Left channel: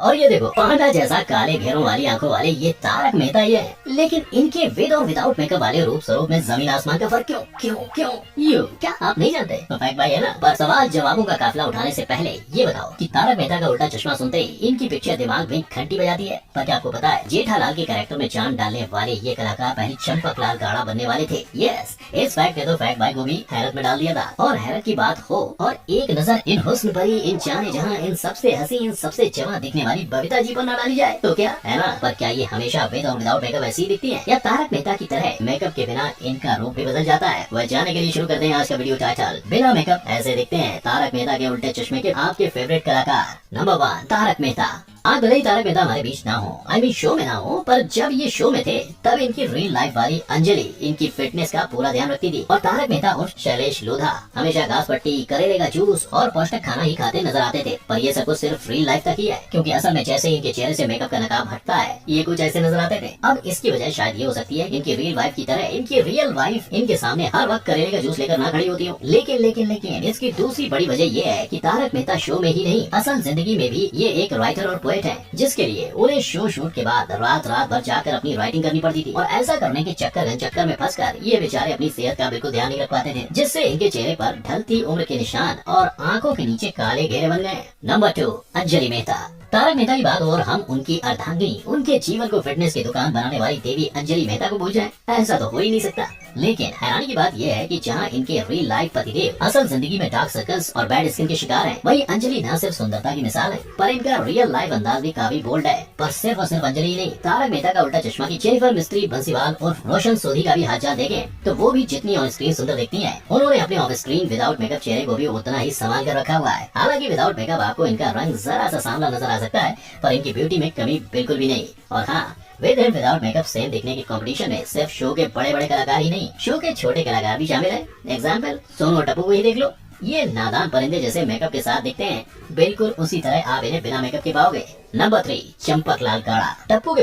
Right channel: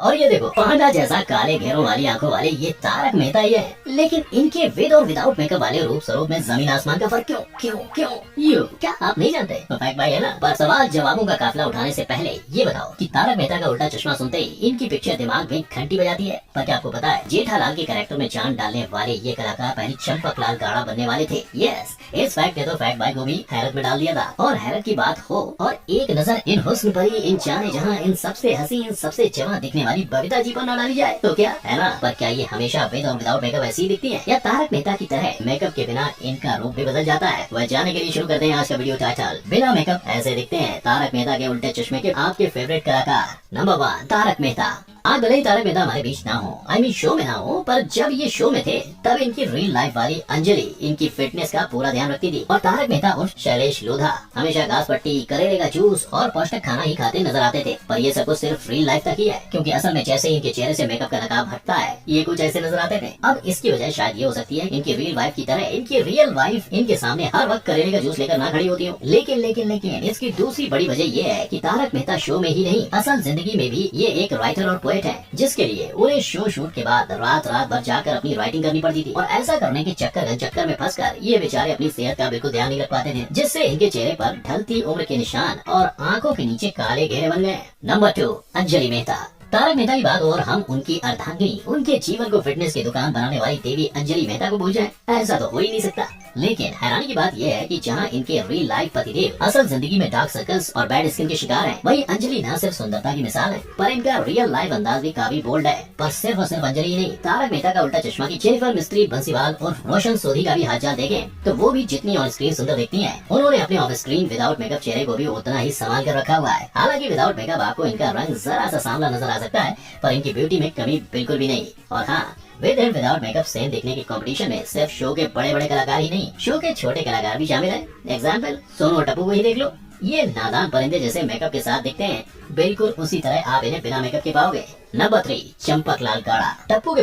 और ये देखो पांडा जैसा काले घेरों वाली आंखों वाले ये तारक मेहता ही है, लेकिन इनके विद और विदाउट मेकअप वाले रूप स्वरूप में जमीन आसमान का फर्क क्यों क्यों क्यों यू क्या आप नहीं जानते? तो फैक्ट भाई है ना। पर सवाल जवाबों का काफिला उठाने से पहले ये बताओ कि तारक मेहता का उल्टा चश्मा सुनते ही इनकी पिक्चर दिमाग में घंटी बजाती है। पर क्या आपको पता है जेठालाल के कैरेक्टर में जान डालने वाले ये कलाकार पहले चंपकलाल गाड़ा बनने वाले थे। यस, इस फैक्ट ने तो फैक्ट भाई को भी हैरत में डाल दिया था। और हैरत की बात हो और एक नजर इन हुस्न परी, इन जाने जहां, इन सबसे हसी, इन सबसे जवां दिखने वाली बबीता जी पर न डाली जाए तो क्या है ना। पर क्या ये हमेशा विद और विदाउट मेकअप ऐसी दिखती है या तारक मेहता की तरह मेकअप के बिना इनका रूप भी बदल जाता है? वह जानने के लिए शुरू करते हैं आज का वीडियो टाइटल। बिना मेकअप ऐसे दिखते हैं तारक मेहता के उल्टे चश्मे के आपके फेवरेट कलाकार। नंबर 1 तारक मेहता। आज भले ही तारक मेहता हमारे बीच ना हो, आई मीन शो में ना हो, पर जब ये शो में थे तब इनकी रियल लाइफ वाली अंजलि इनकी फिटनेस का पूरा ध्यान रखती थी। और तारक मेहता उर्फ शैलेश लोधा हमेशा घास पट्टी, करेले का जूस और पौष्टिक खाना ही खाते नजर आते थे। पर ये सब कुछ सिर्फ रियल लाइफ तक ही है, क्योंकि असल में जैसे इनके चेहरे से मेकअप का नकाब हटता है ये कुछ ऐसे नजर आते थे। अब इसकी वजह शायद ये हो सकती है इनकी रियल वाइफ की तरह इनकी रियल वाइफ इनके सामने हर वक्त करेले का जूस लेकर ना खड़ी होती हो। लेकिन लेकिन लेकिन इसकी दूसरी बड़ी वजह ये है कि तारक मेहता शो में ही नहीं असल जिंदगी में भी ये एक राइटर और पोएट है, जिसके लिए उन्हें शो शूट के बाद रात भर जाकर अपनी राइटिंग करनी पड़ती थी। और ऐसा करने के चक्कर में फंसकर ये बेचारे अपनी सेहत का बिल्कुल ध्यान नहीं रख पाते थे, जिससे इनके चेहरे पर ढलती उम्र के निशान और आंखों के नीचे काले घेरे बन गए। नंबर 2 अंजलि मेहता। तारक मेहता की बात और हम उनकी अर्धांगिनी, उनके जीवन को फिटनेस की दुकान बनाने वाली देवी अंजलि मेहता को भूल जाएं, ऐसा तो हो ही नहीं सकता। लेकिन हैरानी की बात यह है कि जहां इनके रियल लाइफ पतिदेव असल जिंदगी में डार्क सर्कल्स और बैड स्किन के शिकार हैं, वहीं अंजलि न सिर्फ सुंदरता की मिसाल है, पर इनका रियल लाइफ अंदाज भी काफी बोल्ड है। पर सिर्फ और सिर्फ अंजलि ही नहीं, तारक मेहता का उल्टा चश्मा की जेनिफर मिस्त्री बंसीवाल और रोशन सोधी का भी हालचाल देखें तो वो भी जितनी ऑन स्क्रीन सुंदर दिखती हैं, उन्होंने अपने ऑफ स्क्रीन विदाउट मेकअप चेहरे को भी उतना ही संभाल कर रखा हुआ है। हालांकि विदाउट मेकअप आपको इनका रंग जरा सा सांवला नजर आ सकता है, पर इनकी ब्यूटी में कमी बिल्कुल भी नहीं। और हाँ, with and without makeup same दिखने की कंपटीशन में सिर्फ शो के बड़े बड़े कलाकार ही नहीं, शो के छोटे कलाकार भी शामिल हैं। एग्जाम्पल सोनू और टप्पू को ही देख लो। ये नादान परिंदे जैसे मेकअप के साथ दिखते हैं, बिल्कुल उसी तरह आप इन्हें बिना मेकअप के पाओगे। नंबर 3 चंपकलाल गाड़ा। टप्पू के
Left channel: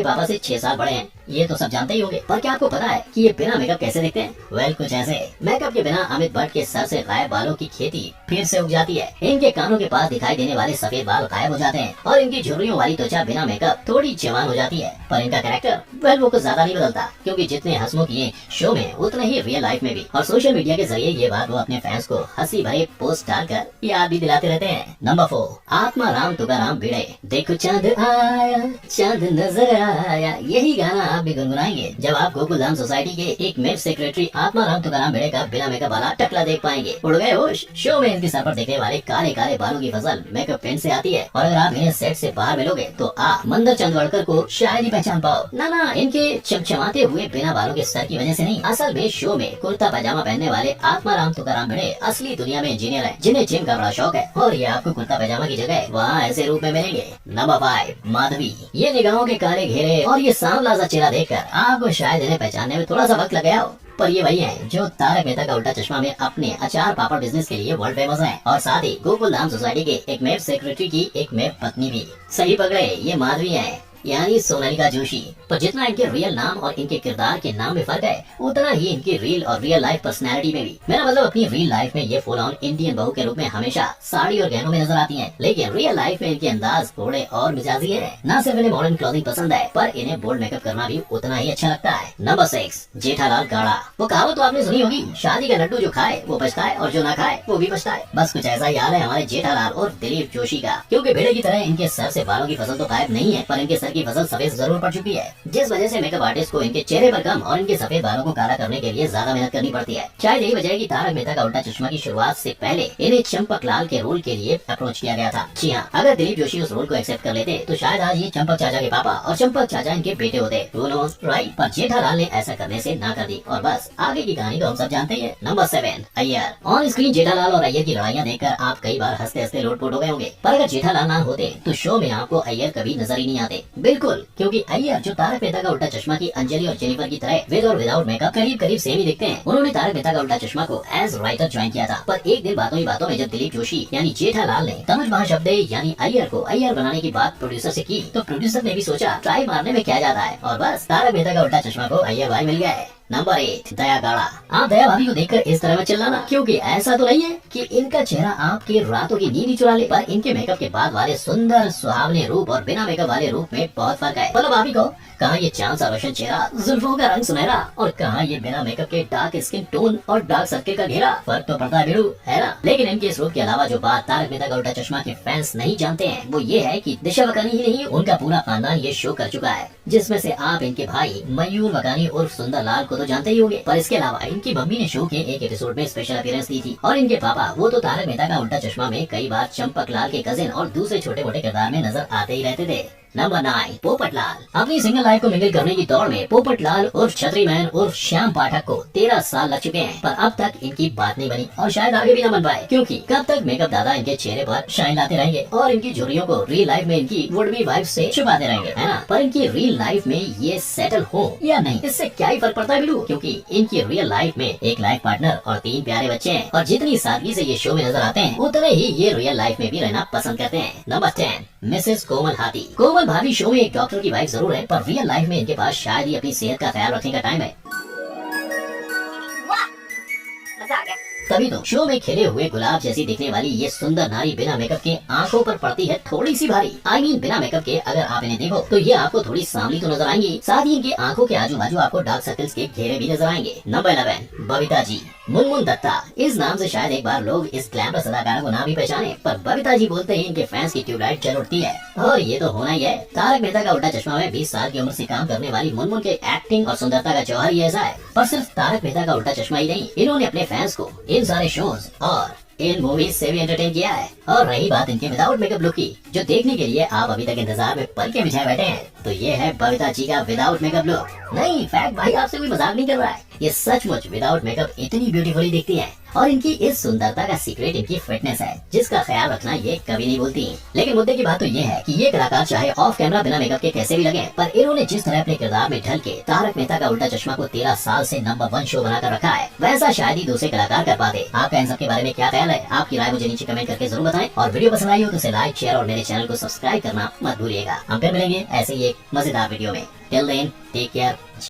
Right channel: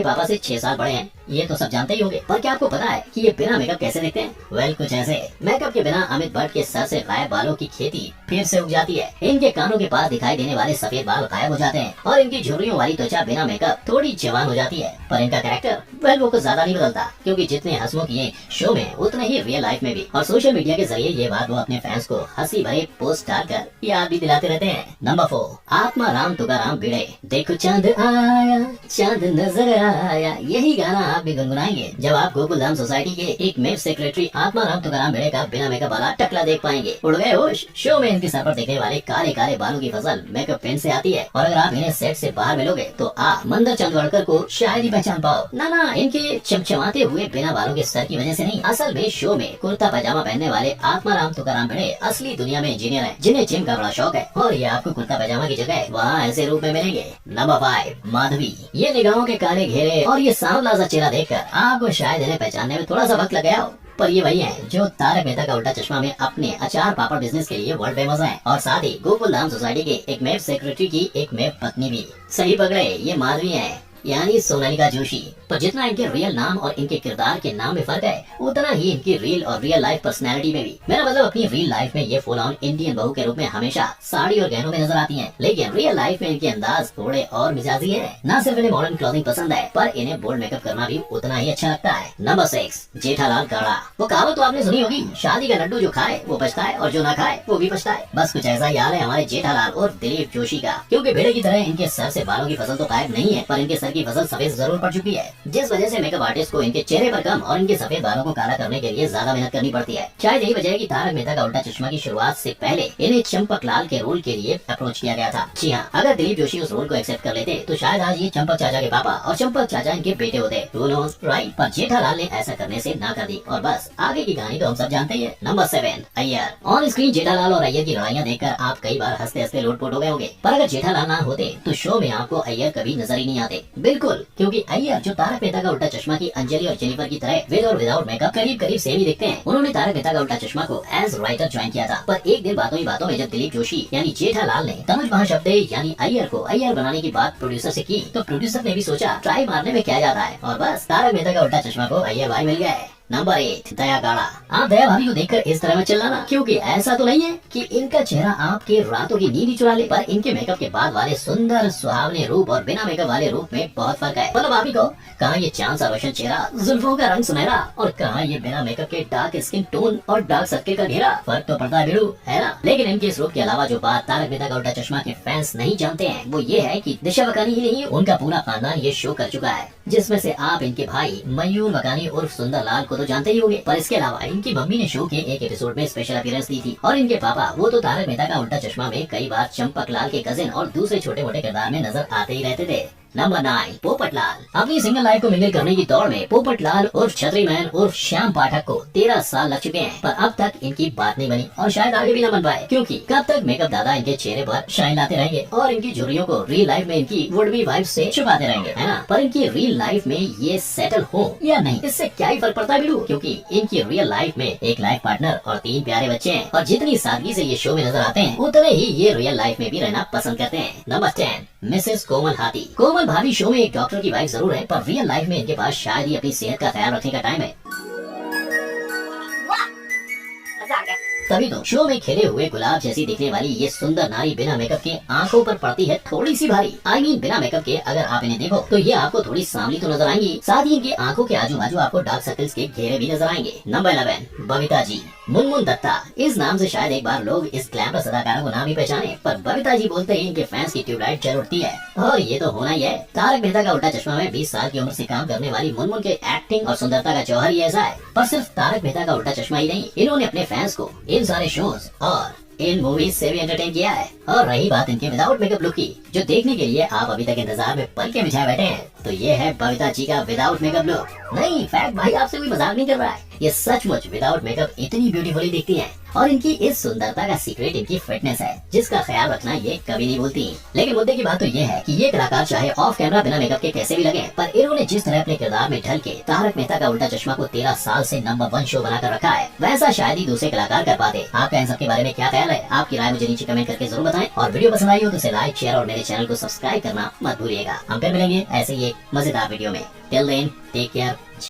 पापा से 6 साल बड़े हैं, ये तो सब जानते ही होंगे। पर क्या आपको पता है कि ये बिना मेकअप कैसे दिखते हैं? वेल कुछ ऐसे। मेकअप के बिना अमित भट्ट के सर से गायब बालों की खेती फिर से उग जाती है। इनके कानों के पास दिखाई देने वाले सफेद बाल गायब हो जाते हैं और इनकी झुर्रियों वाली त्वचा बिना मेकअप थोड़ी जवान हो जाती है। पर इनका कैरेक्टर वेल वो कुछ ज्यादा नहीं बदलता, क्योंकि जितने हंसमुख ये शो में उतने ही रियल लाइफ में भी। और सोशल मीडिया के जरिए ये बात वो अपने फैंस को हंसी भरे पोस्ट डालकर याद भी दिलाते रहते हैं। नंबर 4 आत्मा राम तुकाराम भिड़े। देखो चांद आया, चांद नजर आया, यही गाना आप भी गुनगुनाएंगे जब आप गोकुलधाम सोसाइटी के एक मेव सेक्रेटरी आत्मा राम तुकाराम भिड़े का बिना मेकअप वाला टकला देख पाएंगे। उड़ गए होश। शो में इनके सर पर दिखने वाले काले काले बालों की फसल मेकअप पेन से आती है, और अगर आप इन्हें सेट से बाहर मिलोगे तो आप मंदर चंदवड़कर को शायद ही पहचान पाओ। ना, इनके चमचमाते हुए बिना बालों के सर की वजह से नहीं, असल में शो में कुर्ता पजामा पहनने वाले आत्मा राम तुकाराम भिड़े असली दुनिया में इंजीनियर है, जिन्हें जिम का बड़ा शौक है, और ये आपको कुर्ता पजामा की जगह वहाँ ऐसे रूप में मिलेंगे। नंबर 5 माधवी। ये निगाहों के काले घेरे और ये सांवला सा चेहरा देखकर आपको शायद इन्हें पहचानने में थोड़ा सा वक्त लग गया हो, पर ये वही हैं जो तारक मेहता का उल्टा चश्मा में अपने अचार पापड़ बिजनेस के लिए वर्ल्ड फेमस हैं, और साथ ही गोकुलधाम सोसाइटी के एक मेव सेक्रेटरी की एक मेव पत्नी भी। सही पकड़े, ये माधवी हैं, यानी सोनालिका जोशी। पर जितना इनके रियल नाम और इनके किरदार के नाम में फर्क है, उतना ही इनकी रियल और रियल लाइफ पर्सनैलिटी में भी। मेरा मतलब अपनी रियल लाइफ में ये फुल ऑन इंडियन बहू के रूप में हमेशा साड़ी और गहनों में नजर आती हैं, लेकिन रियल लाइफ में इनके अंदाज थोड़े और मिजाजी हैं। ना सिर्फ इन्हें मॉडर्न क्लोथिंग पसंद है, पर इन्हें बोल्ड मेकअप करना भी उतना ही अच्छा लगता है। नंबर 6 जेठालाल गाड़ा। वो कहावत तो आपने सुनी होगी, शादी का लड्डू जो खाए वो पछताए और जो ना खाए वो भी पछताए। बस कुछ ऐसा ही हाल है हमारे जेठालाल और दिलीप जोशी का, क्योंकि भेड़े की तरह इनके सर से बालों की फसल तो गायब नहीं है, पर इनके सर की फसल सफेद जरूर पड़ चुकी है, जिस वजह से मेकअप आर्टिस्ट को इनके चेहरे पर कम और इनके सफेद बालों को काला करने के लिए ज्यादा मेहनत करनी पड़ती है। शायद यही वजह है कि तारक मेहता का उल्टा चश्मा की शुरुआत से पहले इन्हें चंपकलाल के रोल के लिए अप्रोच किया गया था। जी हाँ, अगर दिलीप जोशी उस रोल को एक्सेप्ट कर लेते तो शायद आज ये चंपक चाचा के पापा और चंपक चाचा इनके बेटे होते। Who knows, right? पर जेठालाल ने ऐसा करने से ना कर दी, और बस आगे की कहानी तो हम सब जानते हैं। Number 7 Iyer. On screen Jethalal और अय्यर की लड़ाइयाँ देखकर आप कई बार हंसते हंसते लोटपोट हो गए होंगे, पर अगर जेठालाल ना होते तो शो में आपको अय्यर कभी नजर ही नहीं आते। बिल्कुल, क्योंकि अय्यर जो तारक मेहता का उल्टा चश्मा की अंजलि और जेनिफर की तरह विद और विदाउट मेकअप करीब सेम ही दिखते हैं। उन्होंने तारक मेहता का उल्टा चश्मा को एज राइटर ज्वाइन किया था, पर एक दिन बातों ही बातों में जब दिलीप जोशी यानी जेठालाल ने तनुज महाशब्दे यानी अय्यर को अय्यर बनाने की बात प्रोड्यूसर से की, तो प्रोड्यूसर ने भी सोचा ट्राई मारने में क्या जाता है, और बस तारक मेहता का उल्टा चश्मा को अय्यर भाई मिल गया है। नंबर 8, दया गाड़ा। आप दया भाभी को देखकर इस तरह में चिल्लाना, क्योंकि ऐसा तो नहीं है कि इनका चेहरा आपके रातों की नींद ही चुरा ले, पर इनके मेकअप के बाद वाले सुंदर सुहावने रूप और बिना मेकअप वाले रूप में बहुत फर्क है। मतलब भाभी को कहाँ ये चांद सा रोशन चेहरा, जुल्फों का रंग सुनहरा, और कहाँ ये बिना मेकअप के डार्क स्किन टोन और डार्क सर्किल का घेरा। फर्क तो पड़ता है बिड़ू, है ना। लेकिन इनके इस रूप के अलावा जो बात तारक मेहता का उल्टा चश्मा के फैंस नहीं जानते हैं, वो ये है कि दिशा वकानी ही नहीं, उनका पूरा खानदान ये शो कर चुका है, जिसमें से आप इनके भाई मयूर वकानी उर्फ सुंदर लाल को तो जानते ही होंगे, पर इसके अलावा इनकी मम्मी ने शो के एक एपिसोड में स्पेशल अपीयरेंस दी थी, और इनके पापा वो तो तारक मेहता का उल्टा चश्मा में कई बार चंपक लाल के कजिन और दूसरे छोटे मोटे किरदार में नजर आते ही रहते थे। नंबर 9, पोपट लाल। अपनी सिंगल लाइफ को मिंगल करने की दौड़ में पोपट लाल उर्फ छतरी मैन उर्फ श्याम पाठक को 13 साल लग चुके हैं, पर अब तक इनकी बात नहीं बनी और शायद आगे भी न बन पाए, क्योंकि कब तक मेकअप दादा इनके चेहरे पर शाइन लाते रहेंगे और इनकी झुर्रियों को रियल लाइफ में इनकी वुड बी वाइफ से छुपाते रहेंगे, है ना। पर इनकी रियल लाइफ में ये सेटल हो या नहीं, इससे क्या ही फर्क पड़ता है बिलू, क्योंकि इनकी रियल लाइफ में एक लाइफ पार्टनर और 3 प्यारे बच्चे हैं, और जितनी सादगी से ये शो में नजर आते हैं उतने ही ये रियल लाइफ में भी रहना पसंद करते हैं। नंबर 10, मिसेस कोमल हाथी। कोमल भाभी शो में एक डॉक्टर की वाइफ जरूर है, पर रियल लाइफ में इनके पास शायद ही अपनी सेहत का ख्याल रखने का टाइम है। तभी तो शो में खिले हुए गुलाब जैसी दिखने वाली ये सुंदर नारी बिना मेकअप के आंखों पर पड़ती है थोड़ी सी भारी। I mean, बिना मेकअप के अगर आप इन्हें देखो तो ये आपको थोड़ी सांवली तो नजर आएंगी, साथ ही इनके आंखों के आजू बाजू आपको डार्क सर्कल्स के घेरे भी नजर आएंगे। नंबर 11, बबीता जी। मुनमुन दत्ता, इस नाम से शायद एक बार लोग इस ग्लैमरस अदाकारा को ना भी पहचाने, पर बबीता जी बोलते ही इनके फैंस की ट्यूबलाइट जल उठती है, और ये तो होना ही है। तारक मेहता का उल्टा चश्मा में 20 साल की उम्र से काम करने वाली मुनमुन के एक्टिंग और सुंदरता का जौहर ही ऐसा है। पर सिर्फ तारक मेहता का उल्टा चश्मा ही नहीं, इन्होंने अपने फैंस को इन सारे शोज और इन मूवीज से भी एंटरटेन किया है। और रही बात इनके विदाउट मेकअप लुक की, जो देखने के लिए आप अभी तक इंतजार में पलके बिछाए बैठे हैं, तो ये है बबीता जी का विदाउट मेकअप लुक। नहीं, फैक्ट भाई, आपसे कोई मजाक नहीं कर रहा है, ये सचमुच विदाउट मेकअप इतनी ब्यूटीफुली दिखती हैं, और इनकी इस सुंदरता का सीक्रेट इनकी फिटनेस है, जिसका ख्याल रखना ये कभी नहीं भूलती। लेकिन मुद्दे की बात तो ये है कि ये कलाकार चाहे ऑफ कैमरा बिना मेकअप के कैसे भी लगे, पर इन्होंने जिस तरह अपने किरदार में ढल के तारक मेहता का उल्टा चश्मा को 13 साल से नंबर 1 शो बनाकर रखा है, वैसा शायद ही दूसरे कलाकार कर पाते। आपका इन सब के बारे में क्या ख्याल है? आपकी राय मुझे नीचे कमेंट करके जरूर बताएं, और वीडियो पसंद आई हो तो इसे लाइक, शेयर और मेरे चैनल को सब्सक्राइब करना मत भूलिएगा। हम फिर मिलेंगे ऐसे ही एक मजेदार वीडियो में। Till then, take care.